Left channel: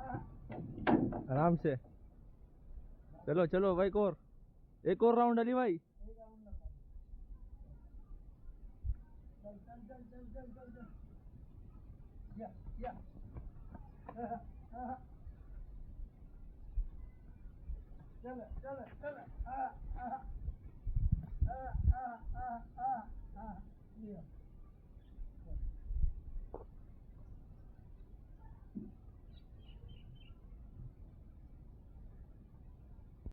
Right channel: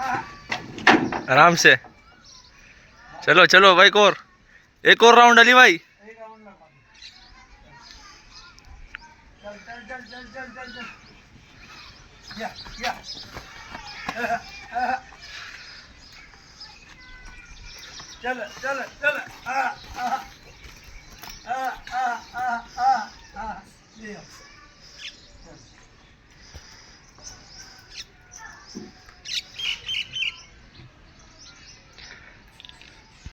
आराम से। चलो चलो भाई, एक और राउंड अली भाई। चल चल चल चल चल चल चल। या चल चल चल।